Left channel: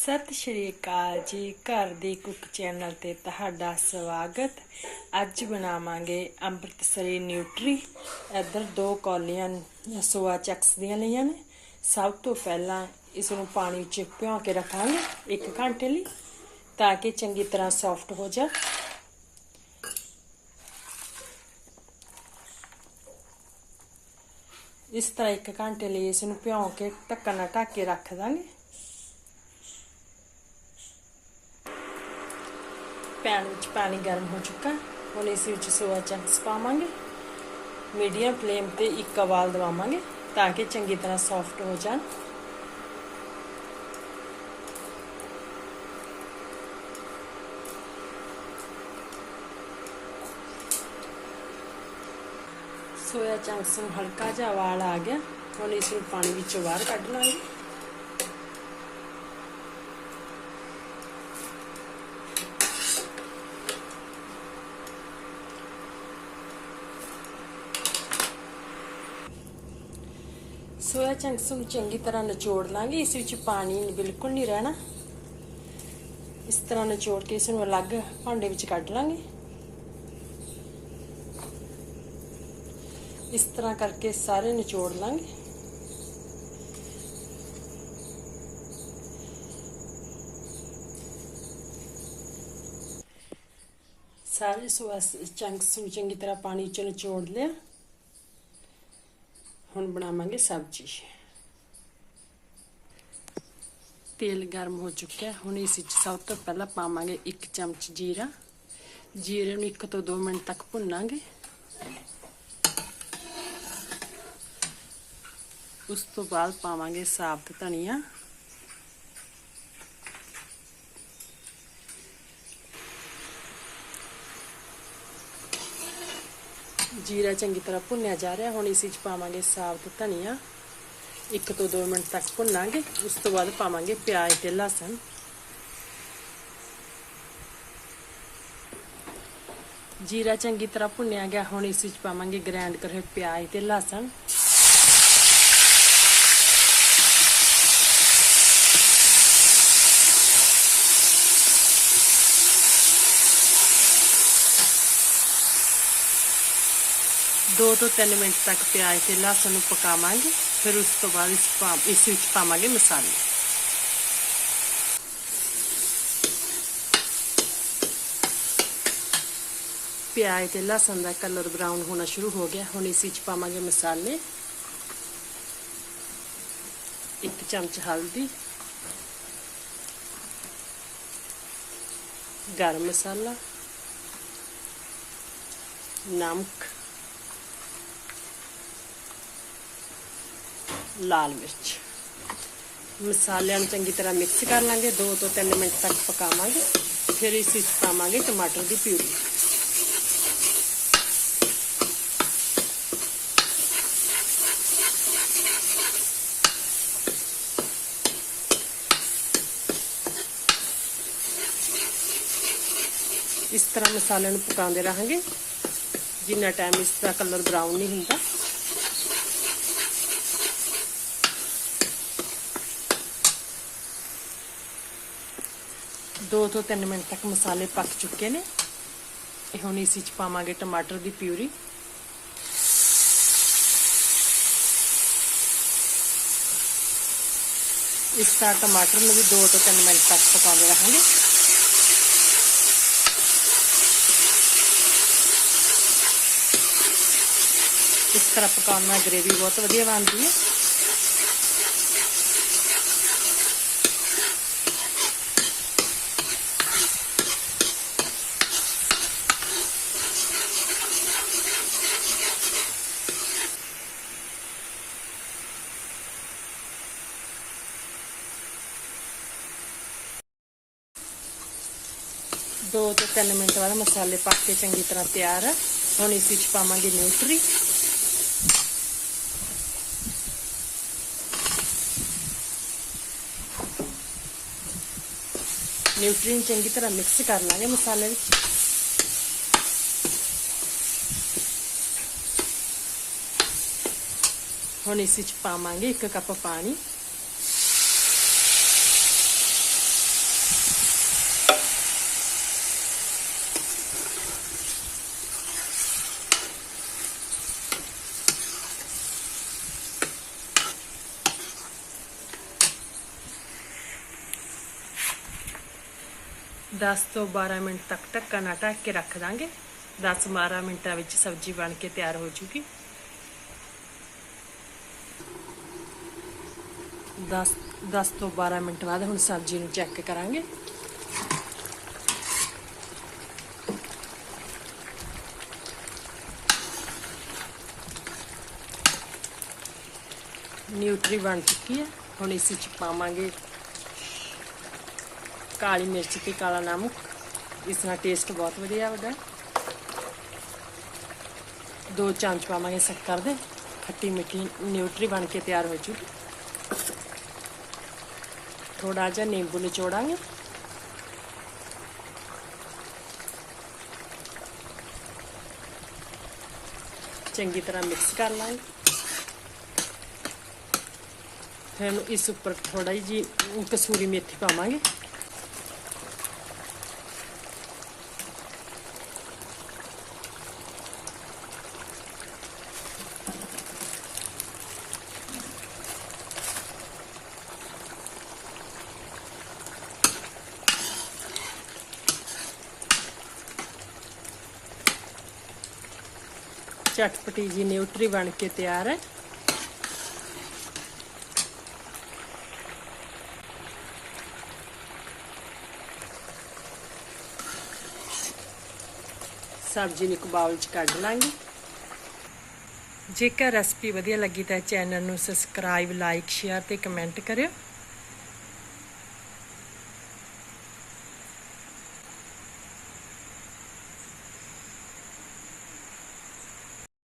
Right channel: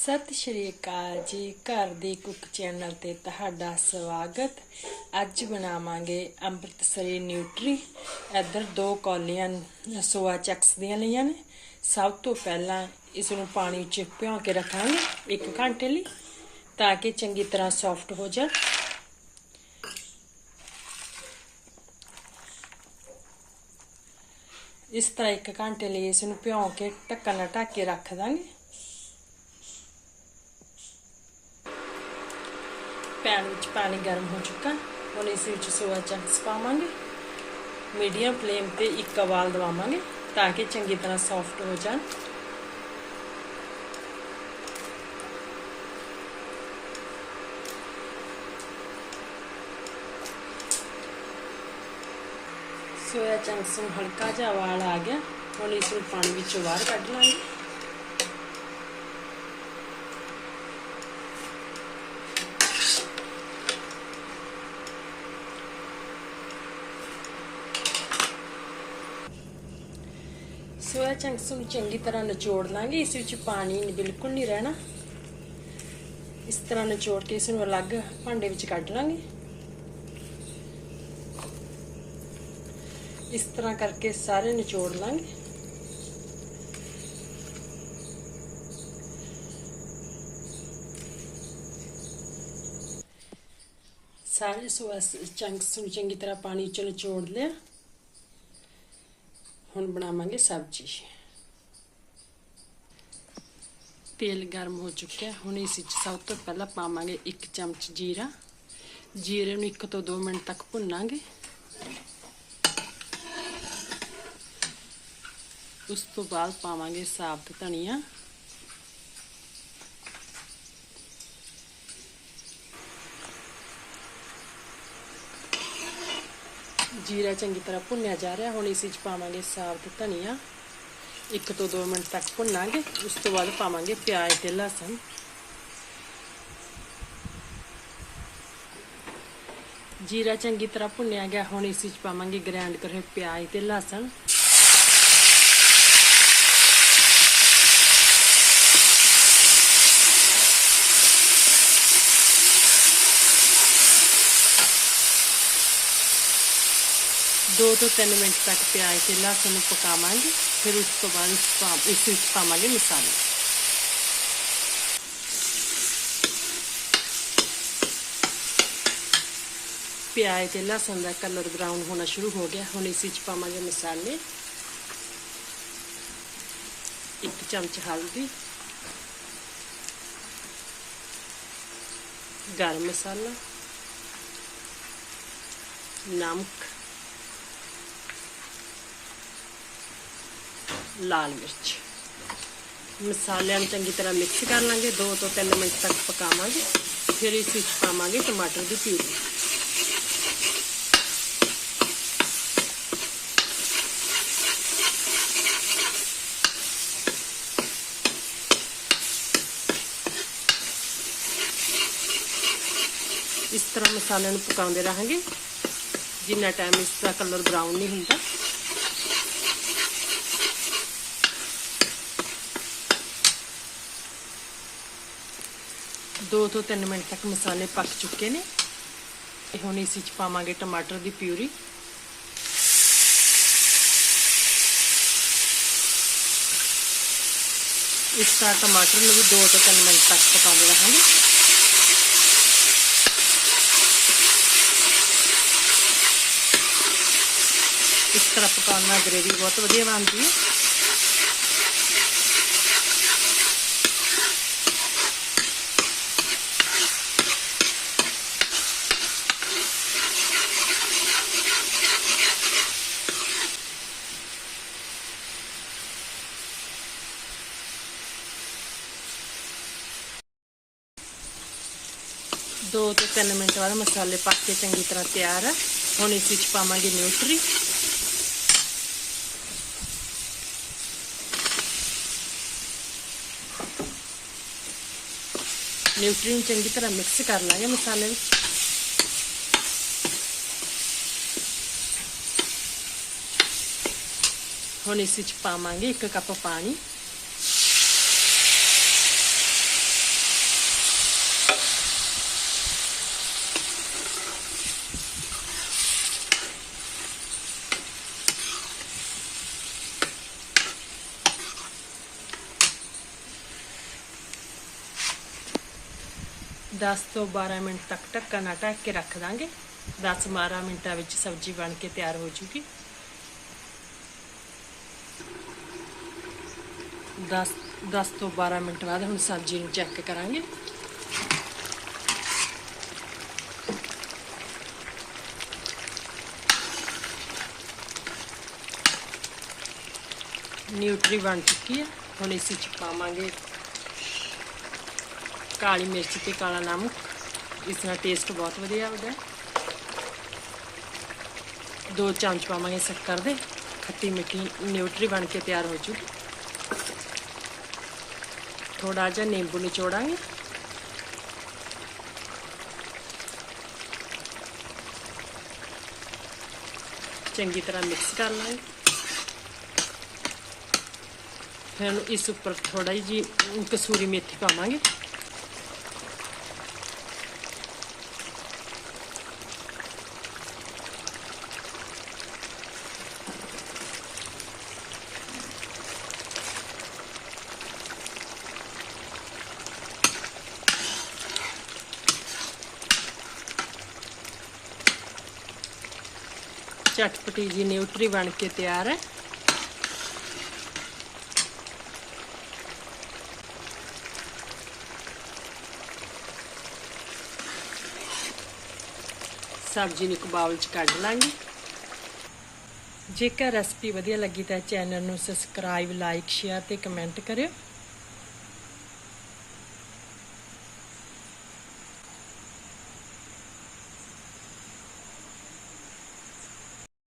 ਸਤਿ ਸ਼੍ਰੀ ਅਕਾਲ ਜੀ, ਘਰ ਦੀ ਕੁੱਕ ਚੈਨਲ ਤੇ ਤੁਹਾਡਾ ਸਵਾਗਤ। ਅੱਜ ਬਣਾਵਾਂਗੇ ਅੰਮ੍ਰਿਤਸਰੀ ਨਿਊਟਰੀ। ਇੱਧਰ ਦੋ ਕੌਲੀਆਂ ਸੋਆ ਚਕਸ ਦੀਆਂ ਲਈਆਂ ਨੇ। ਸਭ ਤੋਂ ਪਹਿਲਾਂ ਇਸ ਨੂੰ ਪਾਣੀ 'ਚ ਭਿਓ ਕੇ ਰੱਖਾਂਗੇ 1 ਘੰਟੇ ਲਈ, ਤਾਂ ਕਿ ਚੰਗੀ ਤਰ੍ਹਾਂ ਸੌਫਟ ਹੋ ਜਾਣ। ਇਸ ਤਰ੍ਹਾਂ 1 ਘੰਟੇ ਲਈ ਇਸ ਨੂੰ ਭਿਓ ਕੇ ਢੱਕਣ ਨਾਲ ਢੱਕ ਕੇ ਰੱਖ ਦਾਂਗੇ। ਪੈਨ ਵਿੱਚ ਪਾਣੀ ਗਰਮ ਹੋ ਚੁੱਕਾ। ਹੁਣ ਇਸ ਵਿੱਚ ਸੋਇਆ ਚੰਕਸ ਪਾਵਾਂਗੇ। ਮੀਡੀਅਮ ਫਲੇਮ ਤੇ ਇੱਕ ਉਬਾਲ ਦਵਾਵਾਂਗੇ ਤਾਂ ਕਿ ਚੰਗੀ ਤਰ੍ਹਾਂ ਸੌਫਟ ਹੋ ਜਾਣ। ਸੋਇਆ ਚੰਕਸ ਨੂੰ ਹਲਕਾ ਜਿਹਾ ਉਬਾਲ ਆ ਗਿਆ। ਹੁਣ ਇਸ ਨੂੰ ਪਾਣੀ ਵਿੱਚੋਂ ਬਾਹਰ ਕੱਢ ਲਾਂਗੇ। ਸੋਇਆ ਚੰਕਸ ਨੂੰ ਚੰਗੀ ਤਰ੍ਹਾਂ ਨਿਚੋੜ ਲਾਂਗੇ, ਇਸ ਵਿੱਚ ਪਾਣੀ ਬਿਲਕੁਲ ਨਹੀਂ ਰਹਿਣਾ। ਇਸ ਤਰ੍ਹਾਂ ਨਿਚੋੜ ਕੇ ਇਸ ਨੂੰ ਅਲੱਗ ਭਾਂਡੇ ਵਿੱਚ ਕੱਢ ਲਾਂਗੇ। ਇਸ ਤਰ੍ਹਾਂ ਕਰਕੇ ਸਾਰੇ ਨਿਚੋੜ ਲਾਂਗੇ। ਸਾਰੇ ਸੋਇਆ ਚੰਕਸ ਨੂੰ ਚੰਗੀ ਤਰ੍ਹਾਂ ਪਾਣੀ ਚੋਂ ਨਿਚੋੜ ਲਿਆ। ਹੁਣ ਬਣਾਵਾਂਗੇ ਸਬਜ਼ੀ। ਤੇਲ ਗਰਮ ਹੋ ਚੁੱਕਿਆ ਹੁਣ ਇਸ ਵਿੱਚ ਸਭ ਤੋਂ ਪਹਿਲਾਂ ਪਾਵਾਂਗੇ 1 ਚਮਚ ਜੀਰਾ। ਜੀਰੇ ਨੂੰ 1 ਤੋਂ 2 ਮਿੰਟ ਤੱਕ ਭੁੰਨਾਂਗੇ। ਉਸ ਤੋਂ ਬਾਅਦ ਪਾਵਾਂਗੇ ਸਾਬਤ ਧਨੀਆ। ਜੀਰਾ ਚੰਗੀ ਤਰ੍ਹਾਂ ਭੁੰਨਿਆ ਜਾ ਰਿਹਾ। ਹੁਣ ਇਸ ਵਿੱਚ ਪਾਵਾਂਗੇ ਸਾਬਤ ਧਨੀਆ। 1 ਤੋਂ 2 ਮਿੰਟ ਤੱਕ ਭੁੰਨਾਂਗੇ। ਉਸ ਤੋਂ ਬਾਅਦ ਪਾਵਾਂਗੇ ਪਿਆਜ਼ ਤੇ ਲਸਣ। ਜੀਰਾ ਚੰਗੀ ਤਰ੍ਹਾਂ ਭੁੰਨਿਆ ਗਿਆ। ਹੁਣ ਇਸ ਵਿੱਚ ਪਾਵਾਂਗੇ ਗ੍ਰਾਈਂਡ ਕਰੇ ਪਿਆਜ਼ ਤੇ ਲਸਣ। ਦੋ ਤੋਂ 3 ਮਿੰਟ ਤੱਕ ਪਿਆਜ਼ ਤੇ ਲਸਣ ਨੂੰ ਪਕਾਵਾਂਗੇ, ਫਿਰ ਉਸ ਤੋਂ ਬਾਅਦ ਇਸ ਇਸ ਵਿੱਚ ਪਾਵਾਂਗੇ ਮਸਾਲੇ। ਪਿਆਜ਼ ਤੇ ਲਸਣ ਦਾ ਕਲਰ ਬਰਾਊਨ ਹੋਣਾ ਸ਼ੁਰੂ ਹੋ ਗਿਆ। ਹੁਣ ਇਸ ਵਿੱਚ ਪਾਵਾਂਗੇ ਮਸਾਲੇ। ਇੱਕ ਚਮਚ ਹਲਦੀ। ਗਰਮ ਮਸਾਲਾ। ਨਮਕ। ਲਾਲ ਮਿਰਚ ਮਸਾਲਿਆਂ ਨੂੰ ਚੰਗੀ ਤਰ੍ਹਾਂ ਮਿਕਸ ਕਰ ਲਾਂਗੇ 2 ਤੋਂ 3 ਮਿੰਟ ਤੱਕ ਪਕਾਵਾਂਗੇ ਫਿਰ ਇਸ ਵਿੱਚ ਪਾਵਾਂਗੇ ਟਮਾਟਰ ਦੀ ਪਿਊਰੀ ਇਸ ਤਰ੍ਹਾਂ ਮਸਾਲਿਆਂ ਨੂੰ ਪਕਾਉਂਦੇ ਰਹਾਂਗੇ ਜਿੰਨਾ ਟਾਈਮ ਇਸ ਦਾ ਕਲਰ ਬਰਾਊਨ ਨਹੀਂ ਹੁੰਦਾ ਦੋ ਤੋਂ 3 ਮਿੰਟ ਤੱਕ ਮਸਾਲੇ ਪੱਕ ਚੁੱਕੇ ਨੇ। ਇਹ ਹੁਣ ਇਸ ਵਿੱਚ ਪਾਵਾਂਗੇ ਟਮਾਟਰ ਦੀ ਪਿਊਰੀ। ਇਸ ਤਰ੍ਹਾਂ ਟਮਾਟਰ ਨੂੰ ਵੀ 2 ਤੋਂ 3 ਮਿੰਟ ਤੱਕ ਪਕਾਉਂਦੇ ਰਹਾਂਗੇ। ਇਸ ਤਰ੍ਹਾਂ ਪਕਾਉਣ ਨਾਲ ਗ੍ਰੇਵੀ ਬਹੁਤ ਵਧੀਆ ਬਣਦੀ ਹੈ। ਦੋ ਤੋਂ 3 ਮਿੰਟ ਬਾਅਦ ਮਸਾਲੇ ਪੱਕ ਕੇ ਚੰਗੀ ਤਰ੍ਹਾਂ ਤਿਆਰ ਆ। ਹੁਣ ਇਸ ਵਿੱਚ ਪਾਵਾਂਗੇ ਨਿਊਟਰੀ। ਨਿਊਟਰੀ ਨੂੰ ਚੰਗੀ ਤਰ੍ਹਾਂ ਮਿਕਸ ਕਰ ਲਾਂਗੇ ਮਸਾਲੇ ਵਿੱਚ। ਹੁਣ ਇਸ ਵਿੱਚ ਪਾਵਾਂਗੇ 1 ਕੱਪ ਪਾਣੀ। 10 ਤੋਂ 12 ਮਿੰਟ ਤੱਕ ਢੱਕਣ ਨਾਲ ਢੱਕ ਕੇ ਰੱਖ ਦਾਂਗੇ। 10-12 ਮਿੰਟਾਂ ਵਿੱਚ ਸਬਜ਼ੀ ਬਣ ਕੇ ਤਿਆਰ ਹੋ ਜੂਗੀ। 10 10 ਤੋਂ 12 ਮਿੰਟ ਬਾਅਦ ਹੁਣ ਸਬਜ਼ੀ ਨੂੰ ਚੈੱਕ ਕਰਾਂਗੇ। ਨਿਊਟਰੀ ਬਣ ਚੁੱਕੀ ਹੈ। ਹੁਣ ਇਸ ਵਿੱਚ ਪਾਵਾਂਗੇ ਕਾਲੀ ਮਿਰਚ ਤੇ ਕਾਲਾ ਨਮਕ ਇਸ ਨਾਲ ਟੇਸਟ ਬਹੁਤ ਵਧੀਆ ਆਉਂਦਾ ਦੋ ਚਮਚ ਪਾਵਾਂਗੇ ਸ਼ੱਕਰ ਦੇ ਖੱਟੀ ਮਿੱਠੀ ਨਿਊਟਰੀ ਬਣ ਕੇ ਤਿਆਰ ਹੋ ਜੂਗੀ ਥੋੜਾ ਜਿਹਾ ਨਿੰਬੂ ਨਿਚੋੜਾਂਗੇ ਚੰਗੀ ਤਰ੍ਹਾਂ ਮਿਕਸ ਕਰ ਲਾਂਗੇ ਫਿਰ ਇਸ ਉੱਪਰ ਥੋੜਾ ਜੀ ਕਸੂਰੀ ਮੇਥੀ ਪਾਵਾਂਗੇ ਚਟਪਟੀ ਜੀ ਨਿਊਟਰੀ ਬਣ ਕੇ ਤਿਆਰ ਹੈ। ਸਬਜ਼ੀ ਨੂੰ ਇੱਕ ਬਾਉਲ 'ਚ ਕੱਢ ਲਾਂਗੇ। ਜੇਕਰ ਰੈਸਪੀ ਵਧੀਆ ਲੱਗੀ ਤਾਂ ਚੈਨਲ ਨੂੰ ਸਬਸਕ੍ਰਾਈਬ ਲਾਈਕ ਸ਼ੇਅਰ ਤੇ ਕਮੈਂਟ ਕਰਿਓ।